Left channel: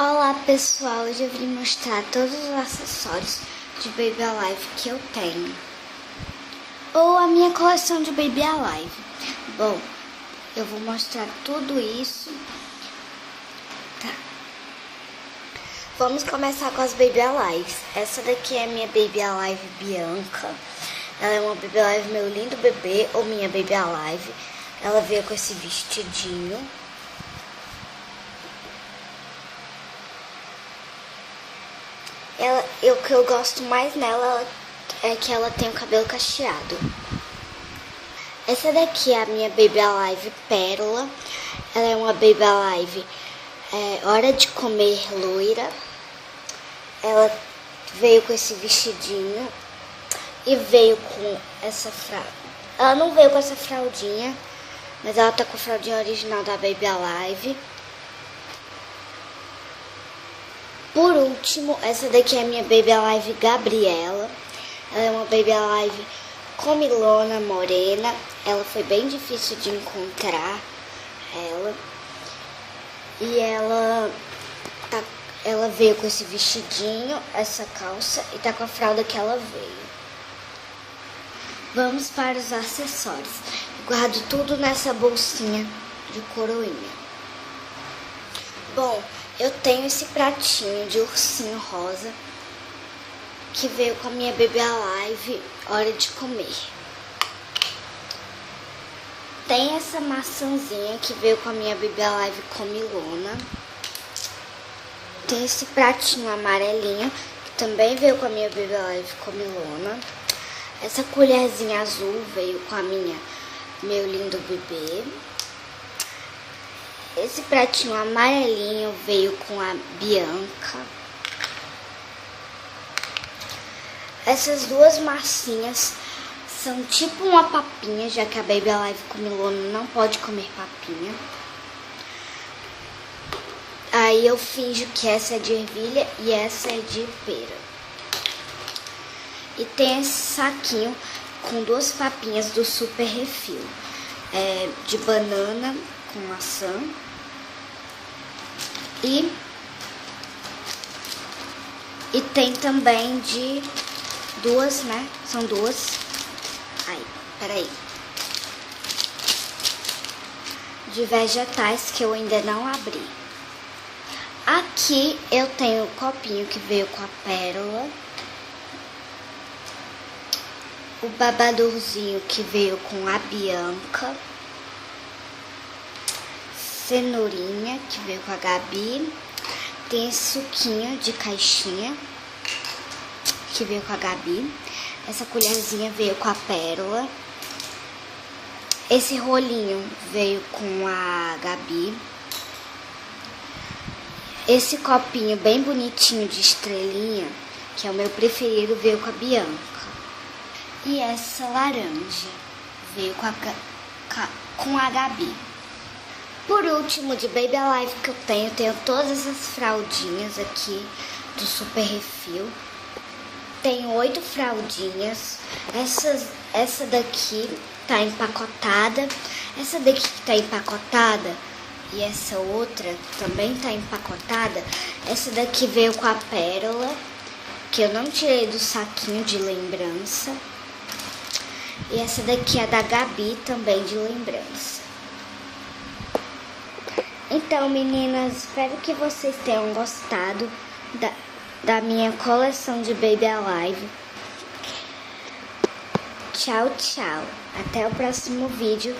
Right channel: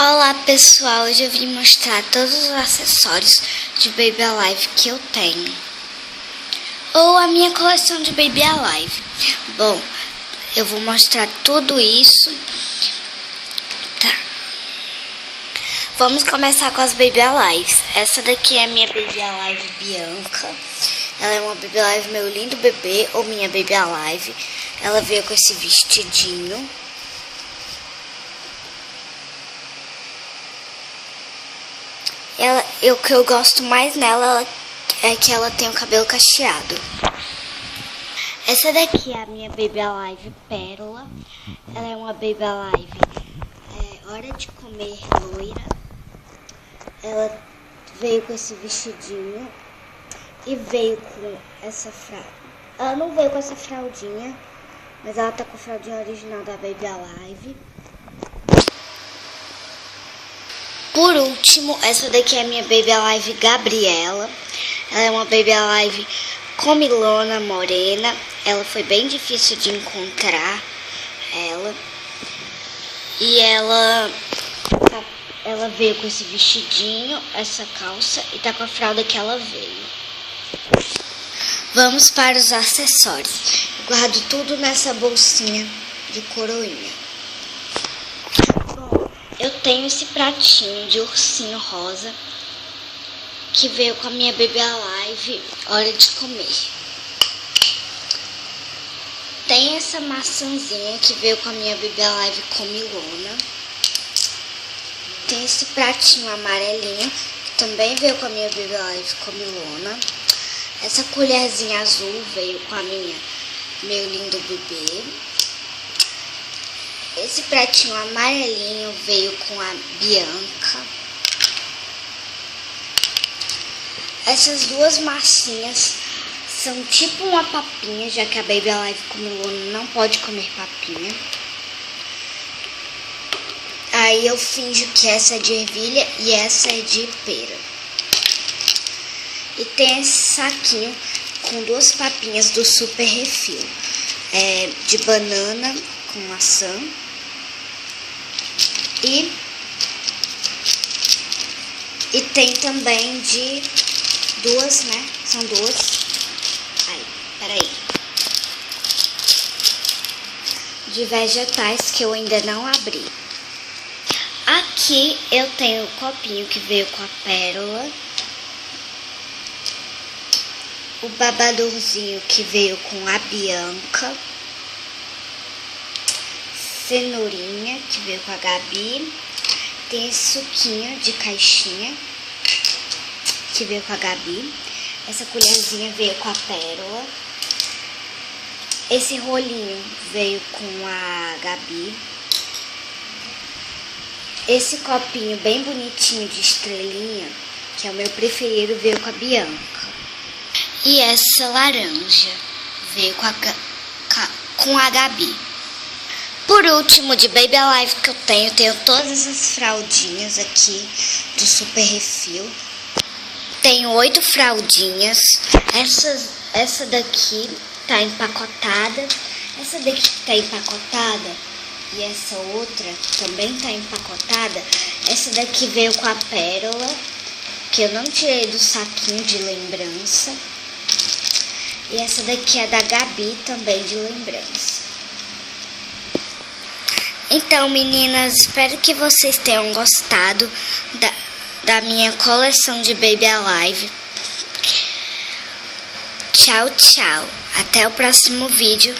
Olá pessoal, hoje eu vim mostrar todos os acessórios de Baby Alive que eu tenho, ou a minha coleção de Baby Alive. Bom, eu vou mostrar tudo isso. Tá. Vamos começar com as Baby Alives. Essa daqui é a minha Baby Alive Bianca. Ela é uma Baby Alive meu lindo bebê, ou minha Baby Alive. Ela veio com esse vestidinho. O que eu gosto mais nela é que ela tem o cabelo cacheado. Essa daqui é a minha Baby Alive Pérola. Ela é uma Baby Alive hora de comer loira. Ela veio com esse vestidinho e veio com essa fralda. Ela não veio com essa fraldinha, mas ela tá com a fraldinha original da Baby Alive. Por último, essa daqui é a minha Baby Alive Gabriela. Ela é uma Baby Alive comilona, morena. Ela foi bem difícil de encontrar ela. E ela veio com esse vestidinho, essa calça e tá com a fralda que ela veio. Vamos para os acessórios. Guardo tudo nessa bolsinha de coroinha. Bom, eu tenho esse pratinho de ursinho rosa que veio com a minha Baby Alive hora de comer. Tem essa maçãzinha que veio com a minha Baby Alive comilona. Tem esse pratinho amarelinho que também veio com a minha Baby Alive comilona. Essa colherzinha azul veio com meu lindo bebê. Esse pratinho amarelinho veio com a Bianca. Essas duas massinhas são tipo uma papinha, já que a Baby Alive comilona não pode comer papinha. Aí eu finjo que essa é de ervilha e essa é de pera. E tem esse saquinho com duas papinhas do Super Refil. De banana com maçã. E tem também de duas, né? São duas. Ai, peraí. De vegetais que eu ainda não abri. Aqui eu tenho um copinho que veio com a pérola. O babadorzinho que veio com a Bianca. Cenourinha que veio com a Gabi. Tem esse suquinho de caixinha que veio com a Gabi. Essa colherzinha veio com a pérola. Esse rolinho veio com a Gabi. Esse copinho bem bonitinho de estrelinha, que é o meu preferido, veio com a Bianca. E essa laranja veio com a Gabi. Por último, de Baby Alive que eu tenho todas essas fraldinhas aqui de Super Refil. Tenho 8 fraldinhas. Essa daqui tá empacotada. Essa daqui que tá empacotada e essa outra também tá empacotada. Essa daqui veio com a pérola, que eu não tirei do saquinho de lembrança. E essa daqui é da Gabi, também de lembrança. Então, meninas, espero que vocês tenham gostado da minha coleção de Baby Alive. Tchau, tchau. Até o próximo vídeo.